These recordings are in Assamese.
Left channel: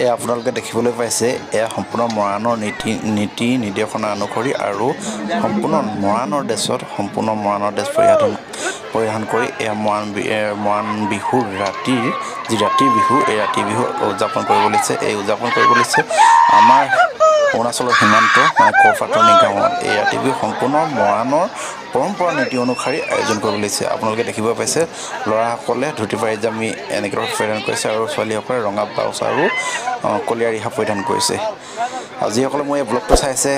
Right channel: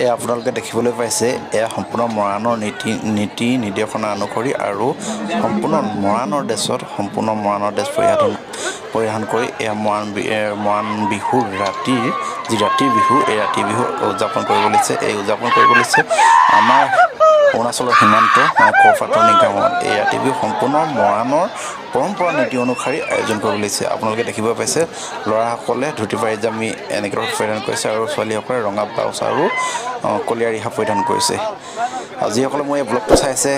এয়া আপোনালোকে দেখিবলৈ পাইছে এয়া সম্পূৰ্ণ মৰাণৰ নীতি নিৰ্দেশনা অনুসৰি আৰু সম্পূৰ্ণ মৰাণৰ ড্ৰেছত সম্পূৰ্ণ মৰাণৰ ড্ৰেছ পৰিধান কৰি এয়া মৰাণ বিহুৰ ৰাতিৰ বিহু এই ৰাতি বিহু উদযাপন কৰিব লৈছে। এই উদযাপন কৰিব লৈছে আমাৰ অৰুণাচলৰ সীমান্ত মানে কৰপাটনি গাঁৱত এই ৰাতি বিহু সম্পূৰ্ণ মৰাণৰ পৰম্পৰা নীতি অনুসৰি আয়োজন কৰিব লৈছে। আপোনালোকে দেখিব পাইছে ল'ৰাসকলে ধুতি পাইজামি এনেকৈ পৰিধান কৰিছে আৰু ছোৱালীসকলে ৰঙা ব্লাউজ আৰু কলীয়া ৰিহা পৰিধান কৰিছে। আৰু যিসকলে মোৰ এই ব্লগটো চাইছে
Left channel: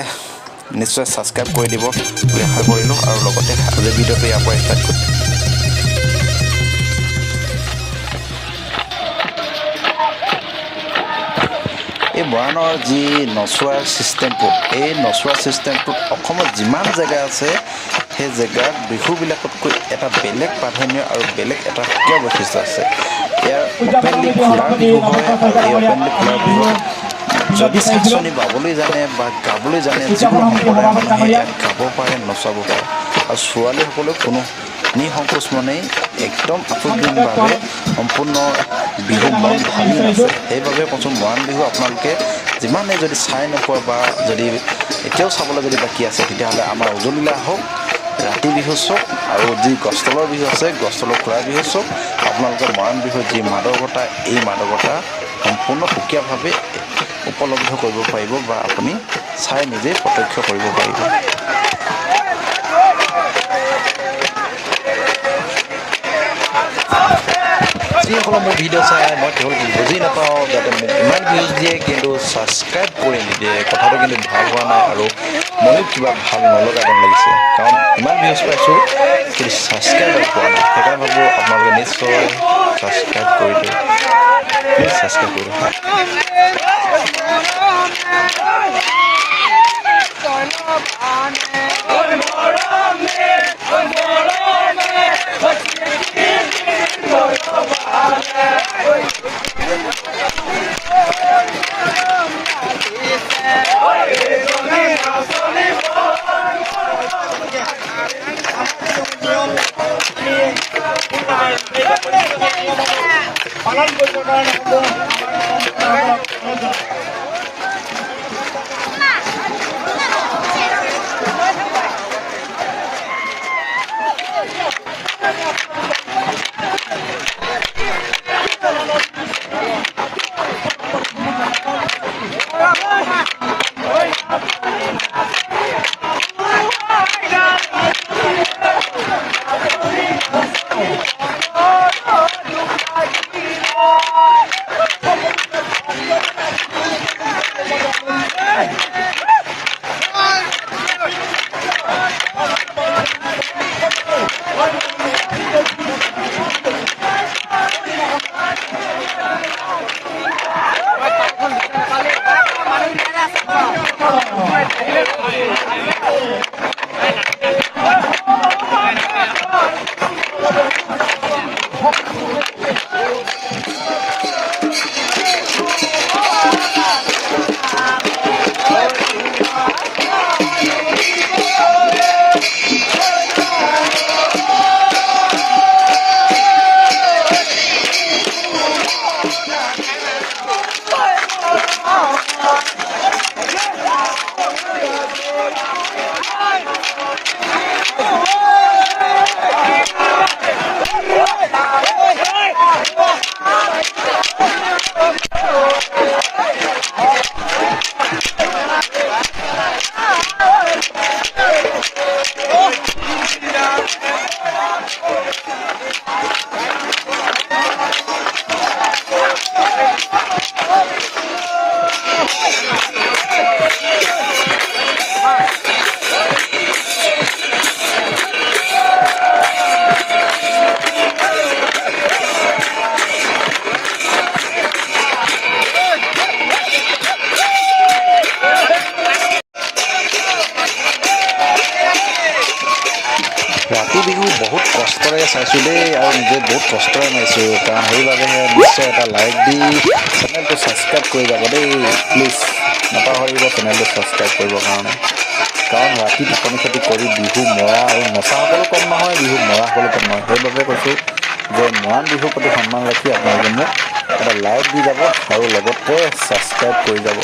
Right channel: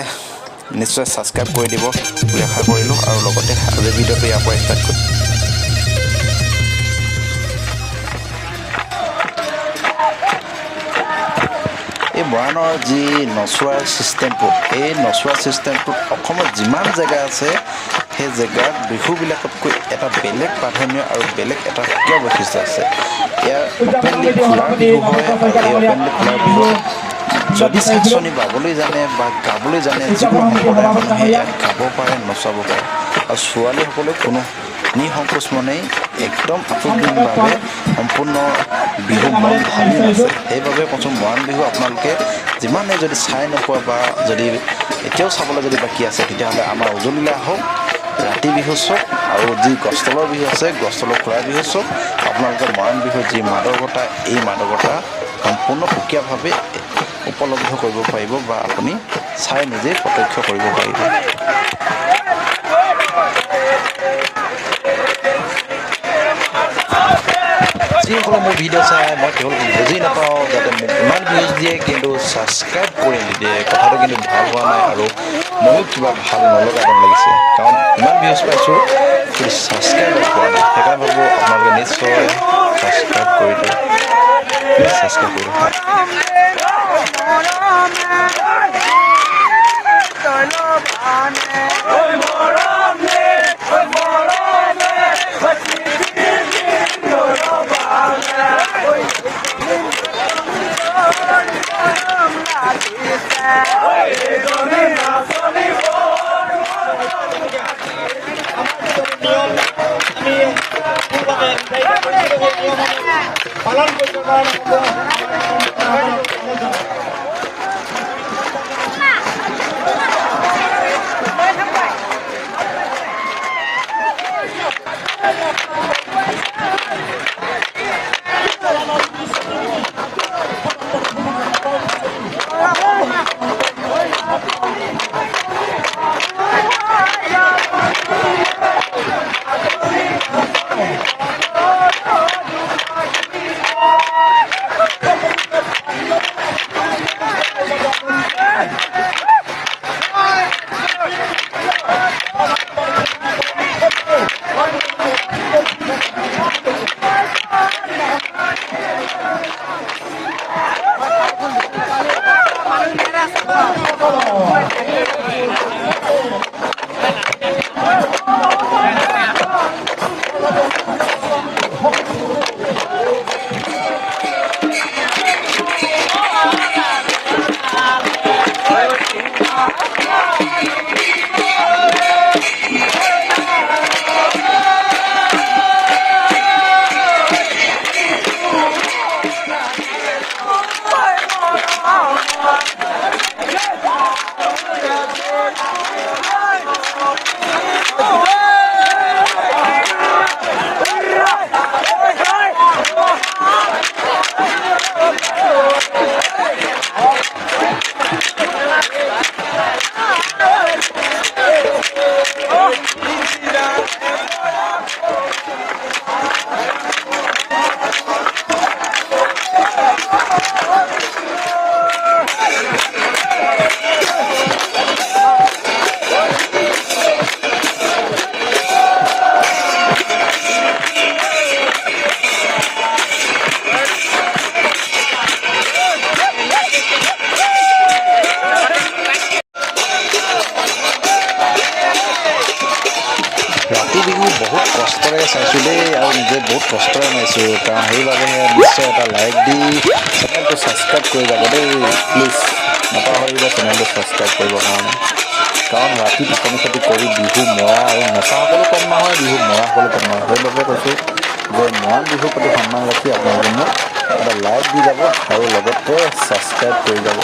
নিশ্চয় ছাবস্ক্ৰাইব কৰি দিব বুলি আশা কৰিলোঁ আৰু লগতে আজিৰ ভিডিঅ'টো ইয়াৰ পৰা ষ্টাৰ্ট কৰিম। এই মৰাণৰ যি নচোৱাৰ ছিষ্টেমটো এই নচোৱাৰ ছিষ্টেমটোত অসমত যিমান জেগা আছে সেই জেগাত বিহুবিলাকতকৈ এটা বেলেগ প্ৰাধান্য আৰু বেলেগ এটা সুকীয়া বৈশিষ্ট্য আছে। ইয়াৰ অপেনলি খোলাৰ বিহু হয় আৰু এই অপেনলি খোলাৰ বিহুত যদি চাকচনি বাবলৈ জানে বা গাবলৈ জানে যিকোনো সম্প্ৰদায়ৰ মানুহে ইয়াক গাব পাৰে নচাব পাৰে আৰু ছোৱালীসকলেও কোনো নিসংকোচ মনেই একদম আফ্ৰিদিনভাৱে সম্পূৰ্ণ বিহু মন ঢালি নাচে। সেইবাবে কৈছোঁ মৰাণ বিহু আপোনালোকে যিমানে যদি চাই নোপোৱা বা যদি এতিয়াও চাবলৈ যদি বাকী আছে তেতিয়াহ'লে আমাৰ উজনিলৈ আহক, ৰাতি বিহু চাওক আৰু যি গছতলৰ বিহু আছে গছতলৰ খোলাৰ বিহু চাওক। আপোনালোকে মৰাণ বিহুৰ যি মাদকতা এই মাদকতা সম্পূৰ্ণ সুকীয়াভাৱে উপলব্ধ কৰিব পাৰিব বা আপুনি চাই নিজেই প্ৰত্যক্ষ কৰিব পাৰিব। যিসকলে মোৰ ভিডিঅ' চাই মই তেওঁলোকক বুজি নাপাওঁ যাতে মোক ইমান ভিউজ দিয়ে কিন্তু ছাবস্ক্ৰাইব কৰি নিদিয়ে, কথাটো কিন্তু ভাল হোৱা নাই আৰু ময়ো কিবা ভাল নলগা যেন লাগিছে, কাৰণ ইমান ভিউজ পাইছোঁ কিন্তু ছাবস্ক্ৰাইব পোৱা নাই। সেইকাৰণে ভাবোঁ আপোনালোকে নিশ্চয় ছাবস্ক্ৰাইব কৰি দিয়ক, প্লিজ ছাবস্ক্ৰাইব কৰি দিয়ক। ৰাতি বিহু বহুত কষ্টৰে চাইছোঁ দেই আৰু নিজে বহুত কষ্টৰে মাৰিছোঁ, কাৰণ সেইবাবেহে নিশ্চয় এটা লাইক দি চেনেলটো ছাবস্ক্ৰাইব কৰি যাব দেই, প্লিজ নাপাহৰিব চেনেলটো ছাবস্ক্ৰাইব কৰিবৰ কাৰণে। কাৰণ ৰাতি টোপনি ক্ষতি কৰি বিহু মৰা আৰু নচাসকলো কম নহয়, বিহু মৰাসকলো কম নহয়। সেইবাবে কৈছোঁ যে মৰাণ বিহুৰ প্ৰতি সন্মান ৰাখি আপোনালোকে মোক এটা লাইক দি যাব আৰু লগতে ছাবস্ক্ৰাইব কৰি যাব।